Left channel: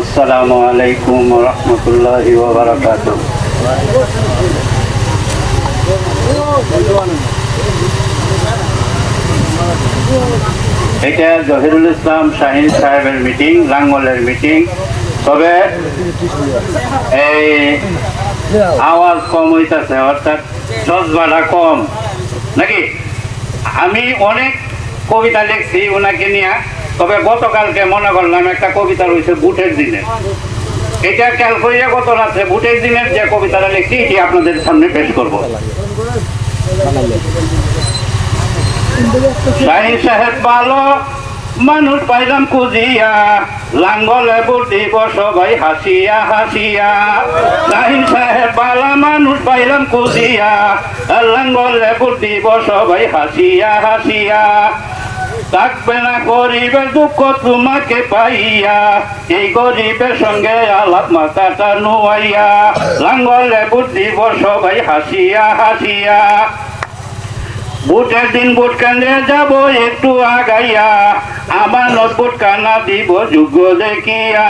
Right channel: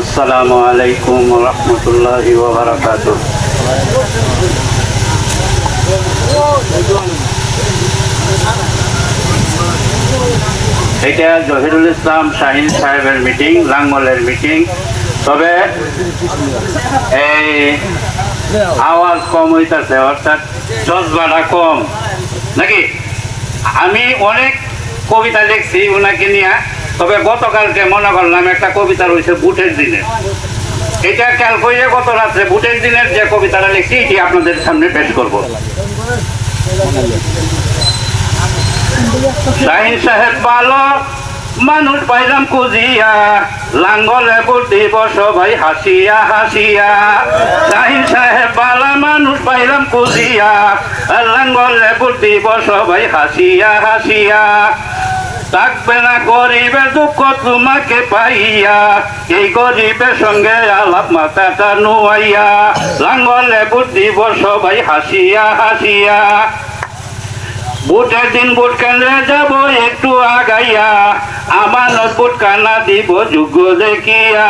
আসসালামু আলাইকুম রহমতুল্লাহি এটা জহিরুল ইসলাম শাহিন সাহেবের মিটিং, লাঙ্গলের মিটিং। তবে এই আওয়াজ কম হইতাছে, অর্থাৎ জজবাটা কম। নাকি? আমি অনেক কবিতা লিখছি ওনাকে নিয়ে। তবে গতকালকে মনে করলাম একটা কবিতা রয়েছে বুটের দিনে এটা খেয়াল করিয়া গত রাত্রে বুটের দিনের যে কবিতাটা লিখছি, এটি আপনাদের সামনে পেশ করব। শাহিন সাহেব ভালো মানুষ পাইলাম কুজিয়া লাঙ্গলে বুদ্ধি সবাই হাসিয়া হাসিয়া। শাহিন সাহেব বালা মানুষ পাইলাম কুজিয়া লাঙ্গলে বুদ্ধি সবাই হাসিয়া হাসিয়া। থাকবে গরিবের দুঃখ তোমাকে পাইয়া, এই গরিবের সঙ্গে আলাপ মাথাটা নুয়াইয়া, লাঙ্গলে বুদ্ধি সবাই হাসিয়া হাসিয়া। বুটের দিন বুট কেন্দ্রে যাব একটু আগাইয়া আমার বুট কানা দিব যোগ্য দেখিয়া।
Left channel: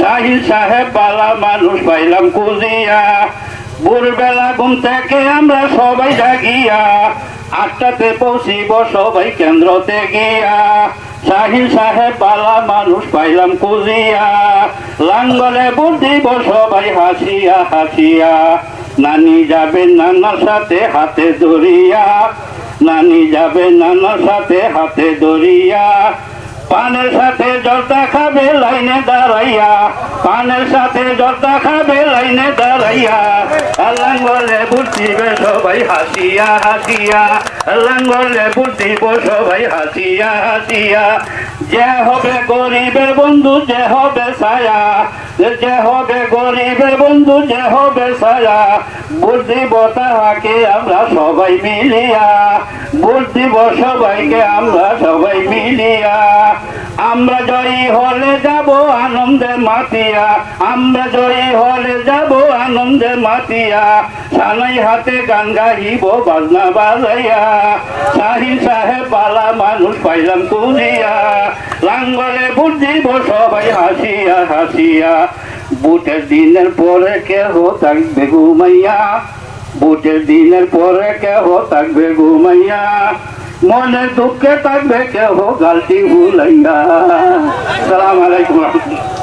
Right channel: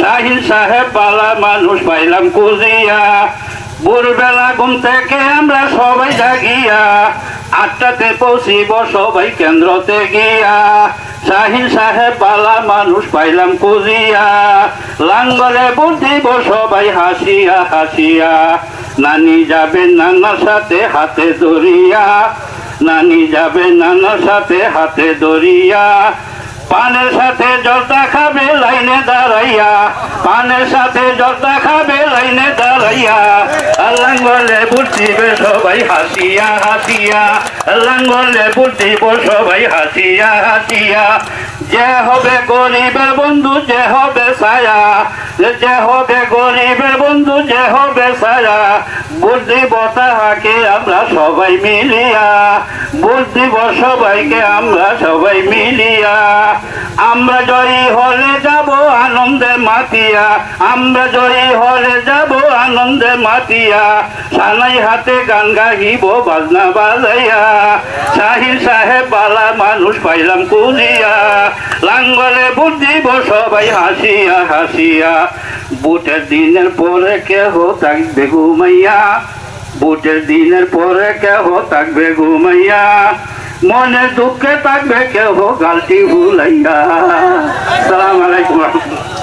শাহিন সাহেব বালা মানুষ পাইলাম কুজিয়া ভোরবেলা ঘুম থেকে আমরা সবাই জাগিয়া আটটাতে পৌঁছিব সবাই কেন্দ্রতে গিয়া। শাহিন সাহেব বালা মানুষ পাইলাম কুজিয়া লাঙ্গলে বুট দিব সবাই হাসিয়া হাসিয়া। নানি যাবে নানার সাথে হাতে ধরিয়া। নানি যাবে নানার সাথে হাতে ধরিয়া। পানের সাথে জলটা খাবে লাইনে দাঁড়াইয়া। পানের সাথে জলটা খাবে লাইনে দাঁড়াইয়া। লাঙ্গলে বুঝিবে সবাই হাসিয়া হাসিয়া। লাঙ্গলে বুঝিব সবাই হাসিয়া হাসিয়া। যে হবে গরিবের বন্ধু, যে হবে ছায়া যে হবে গরিবের বন্ধু, যে হবে ছায়া বুদ্ধিব তাহাকে আমরা সবাই মিলিয়া। বুদ্ধিব সবাইকে আমরা সবাই মিলিয়া। আমরা জয়ী হলে যাব আনন্দে মাতিয়া। আমরা জয়ী হলে যাব আনন্দে মাতিয়া। সানাই হাতে গান গাইব বাজনা বাজাইয়া। শাহিন সাহেব বালা মানুষ পাইলাম কুলিয়া। লাঙ্গলে বুদ্ধিব সবাই হাসিয়া হাসিয়া। বুটের দিনের পরে কেহ থাকবে ঘুমাইয়া। বুটের দিনের পরে কেহ থাকবে ঘুমাইয়া। মনে দুঃখে থাকবে কেউ গালটি ভুলাইয়া। সালাম আলাইকুম রহমতুল্লাহ।